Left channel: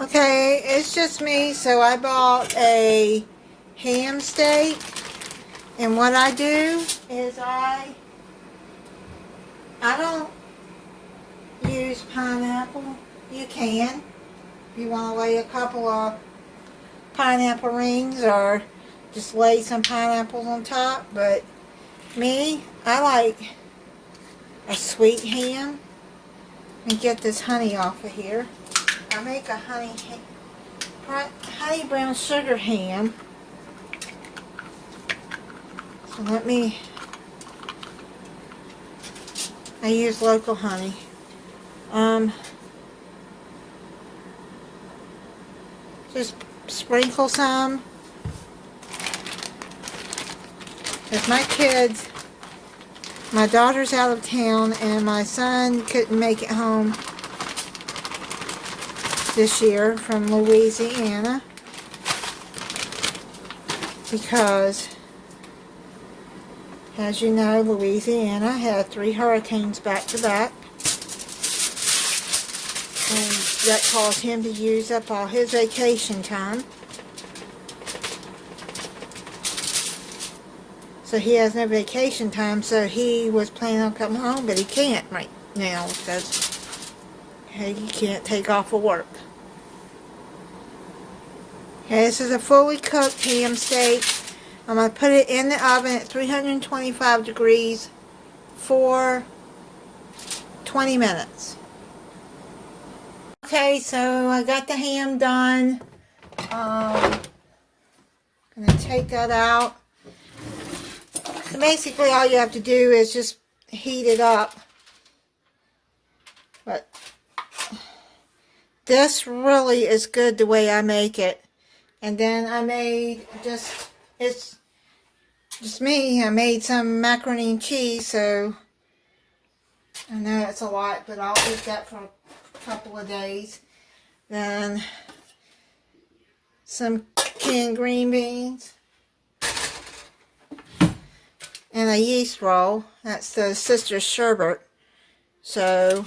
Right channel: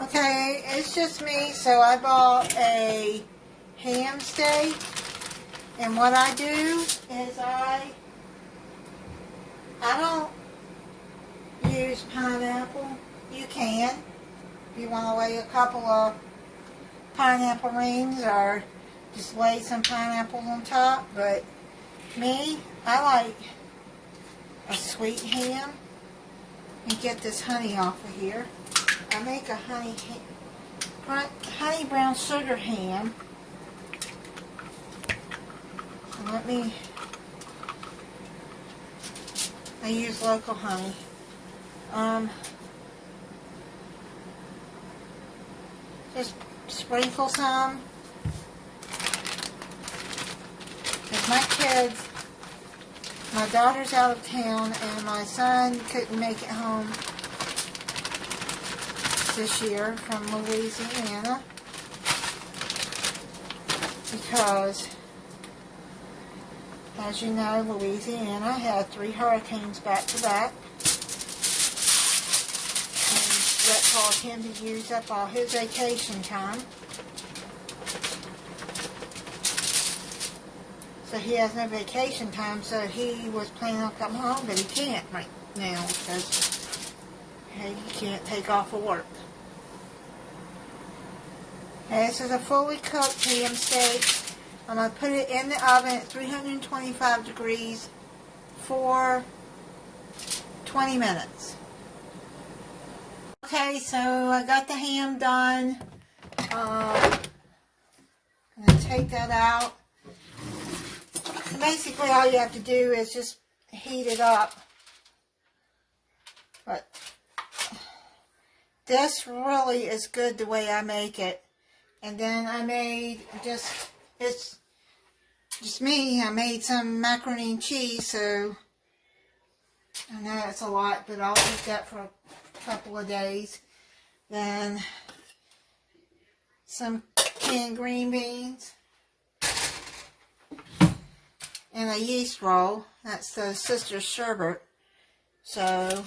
Okay, it's just me, so I bought a ham steak, and what I do is I don't use pineapple. You can, if you want to lay a couple of pineapple rings or just lay some pineapples on top, but me, I like a sweet ham. And get this honey off of here. I make a honey brown sugar ham. So I use local honey. Just sprinkle some. Because my daughter's out of town and my son couldn't make it home this year from Louisiana because, as you know, Louisiana had 3 hurricanes back to back, and that caused him to use up all his vacation time. So he has no vacation time, so he was planning on coming home, but he can't right now because he can't take off of work. Okay, this is a fully cooked ham steak. I'm going to put it in the oven at 325 degrees for 20 minutes. Okay, so I got the ham done. I'm going to take that out. And basically all you have to do is just heat it up. But this really is good the way I make it. And then I made it's just me. I made some macaroni and cheese, so I know it's a lot, but I'll eat that for a couple of days. Then some canned green beans. And a yeast roll. That's the sister's sherbet. So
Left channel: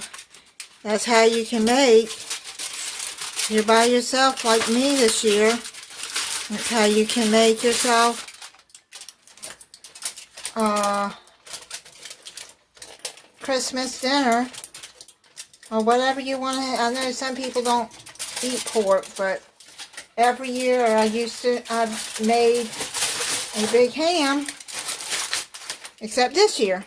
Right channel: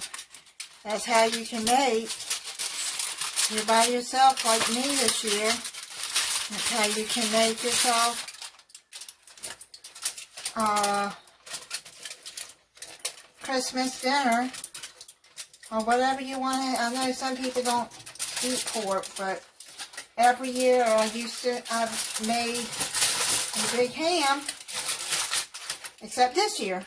that's how you can make. If you're by yourself like me this year, that's how you can make yourself Christmas dinner or whatever you want to. I know some people don't eat pork, but every year I've made a big ham. Except this year.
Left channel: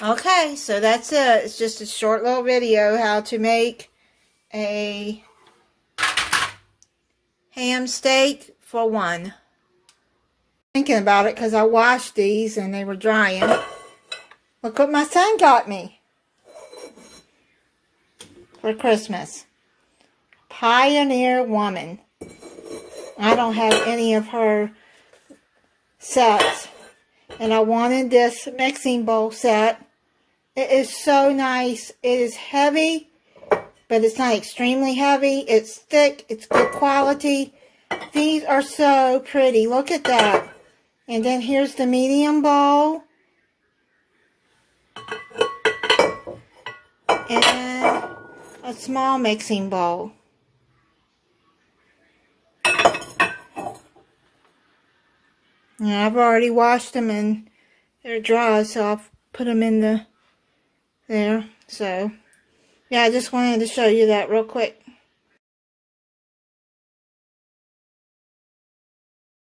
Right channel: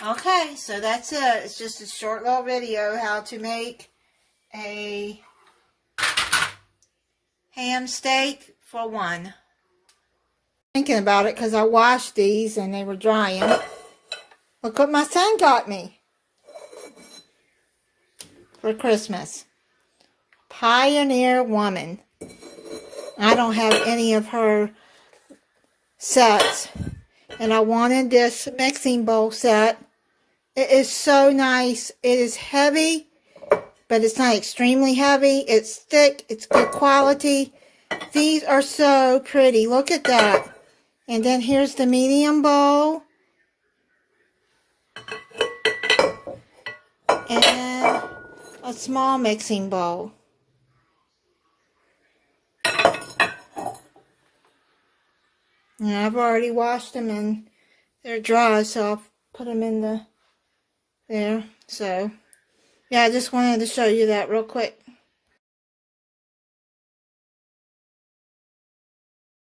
Okay, so that's it. It's just a short little video how to make a ham steak for one. Thinking about it because I washed these and they were drying. Look what my son got me for Christmas. Pioneer Woman. I don't have any of her sets, and I wanted this mixing bowl set. It is so nice. It is heavy, but it's not extremely heavy. It's thick. It's good quality. These are so pretty. Look at that. And then here's the medium bowl. And a small mixing bowl. Yeah, I've already washed them and they're dry, so I'll put them in there. So, yeah, I just wanted to show you that real quick.